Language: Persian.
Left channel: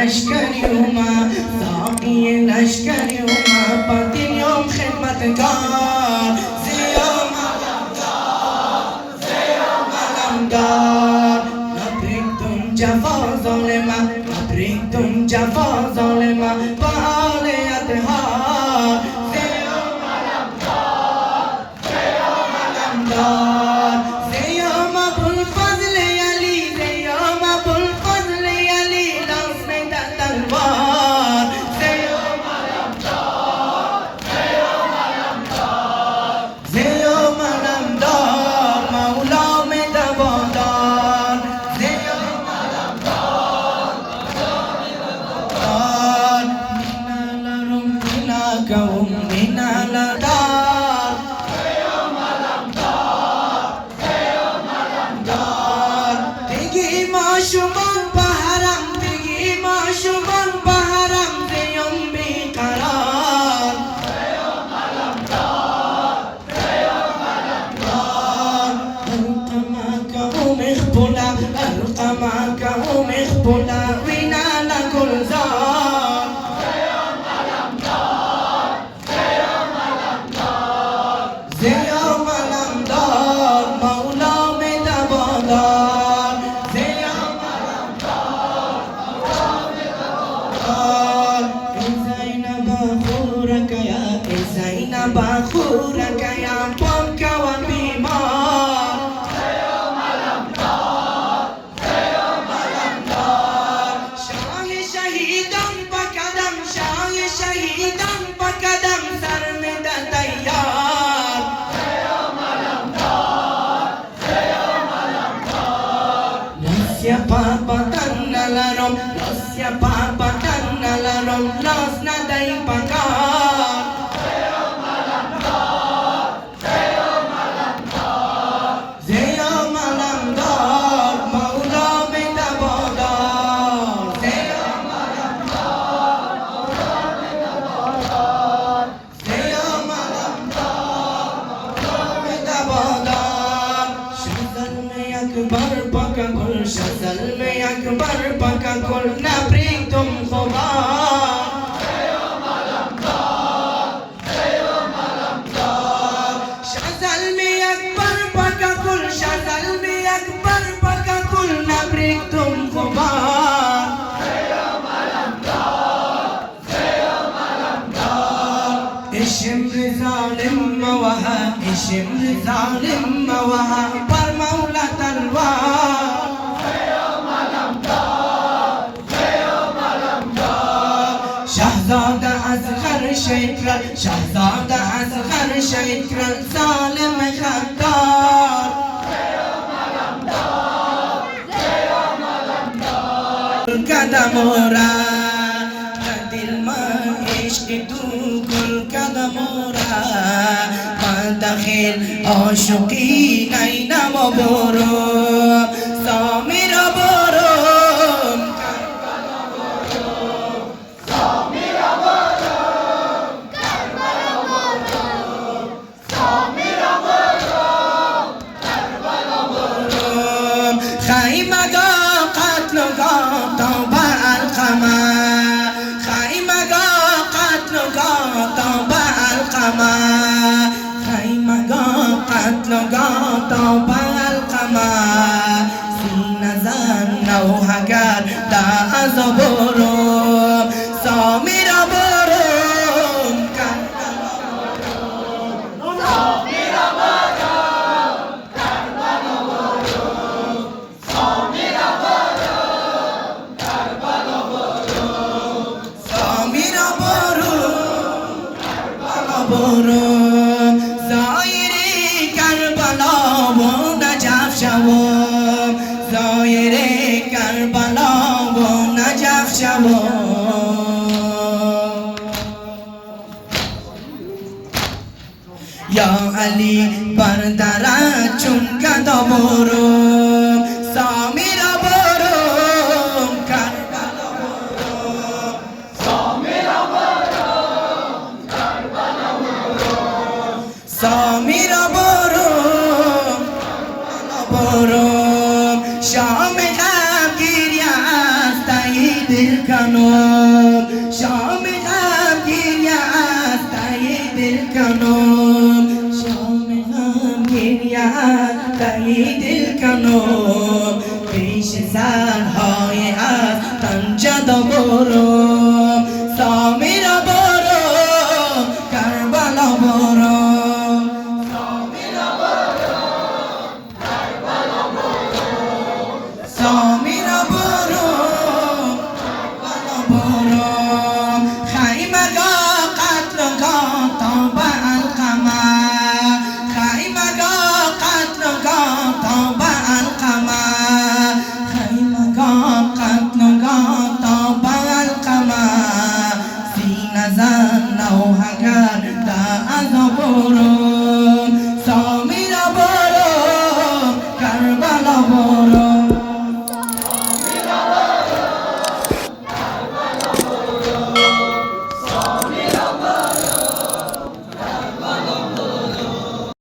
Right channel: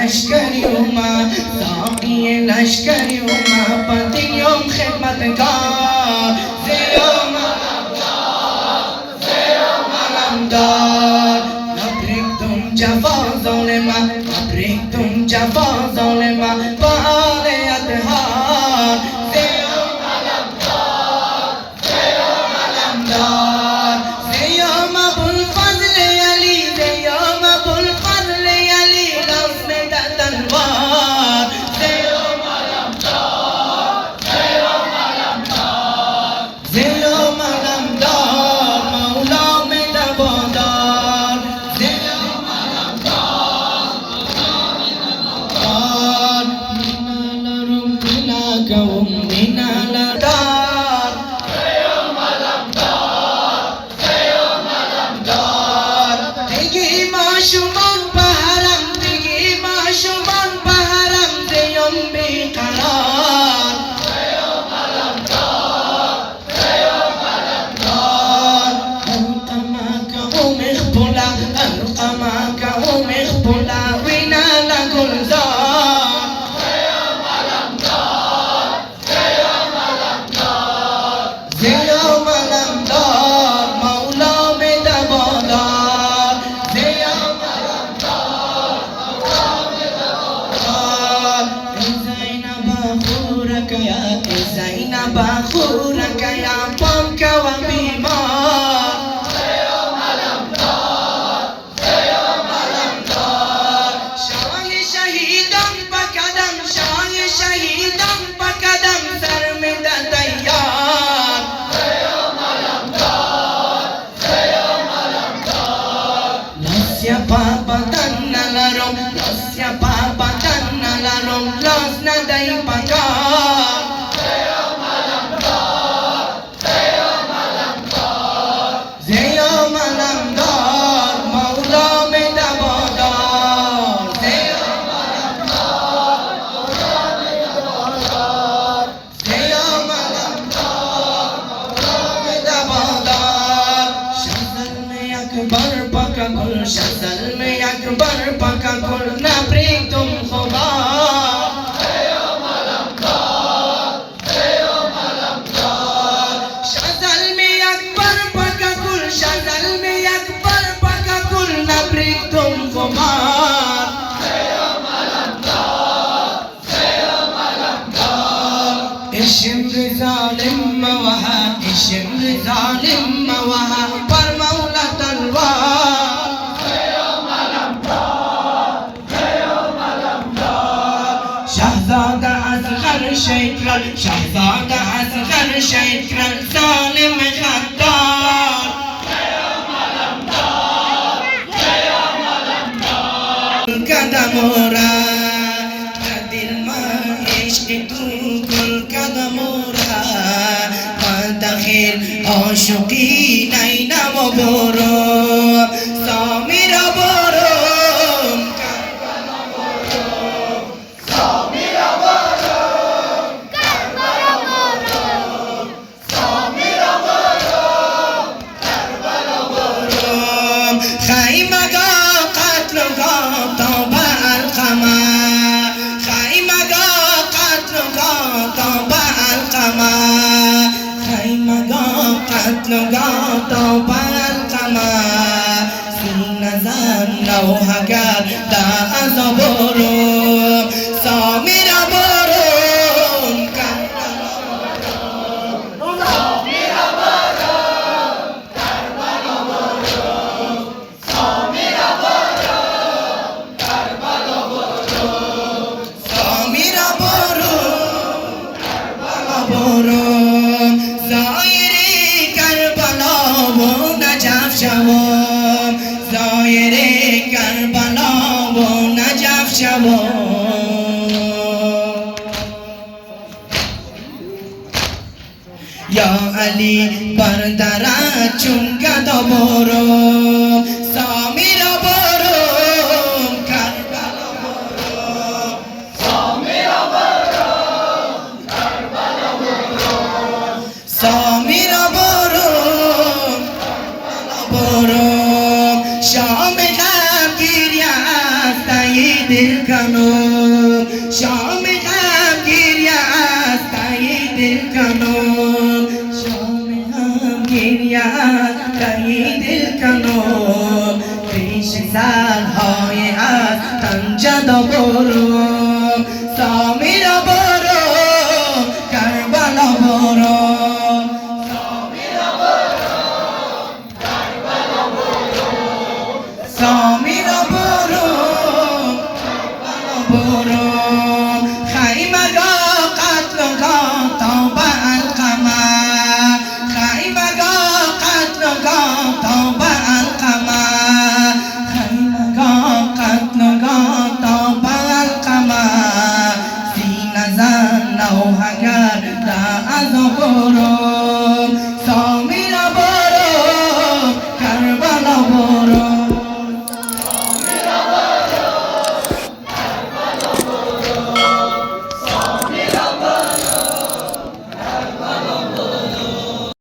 लश्करी उमा साक़िए लश्करी उमा पतियों खिदमतगार ज़ियोम अलमदार अब्रिक तुम जफ़ा ज़ालिमा अब्रिक तुम जफ़ा ज़ालिमा पाले अतहार ज़ियोम अलमदार ज़ियोम अबुल फ़ज़ल अली ज़ियोम अबुल फ़ज़ल अली بخورك يا طمك وبيمار يوم الأمطار يوم الأمطار شاهي شهيدا بكدم شاهي شهيدا بكدم سرمد تيار يوم الأمطار يوم الأمطار لسيا بابا تنالرم لسيا بابا تنالرم لسنا داي بكار अकबर पका कुल शज़ल में अकबर पका कुल नबरी तुम खुदा ज़ियोम अलमदार शज़ल में अकबर पका कुल शज़ल में अकबर पका कुल नबरी तुम खुदा ज़ियोम अलमदार इश्म ज़ालिम मवहा इश्म ज़ालिम मवहा पर मौला شهزادة أصغر شكرا شهزادة أصغر شكرا ظالم غدار يوم الأمطار يوم الأمطار القدمورا قد الماء عشق كل قدمورا داخل عاشقين أين مبورو سامر بورم كربلا بورم سامر بورم كربلا بورم سامر بورم كربلا بورم خيمة قتل توبة القمر خيمة قتل توبة القمر خيمة قتل توبة القمر سين زن وهجر دا أزبورم سامر بورم كربلا بورم سامر بورم كربلا بورم سامر بورم كربلا بورم سامر بورم كربلا بورم زائری کربلا و نجف شوم زائری کربلا و نجف شوم یا علی بردرت چون گدا برم سامر برم کربلا برم سامر برم کربلا برم سامر برم کربلا برم شام غمگیر است ای دل کنم شام غم گریه از تای دل کنم شام غم گریه از تای دل کنم پیش سرهای از تن جدا برو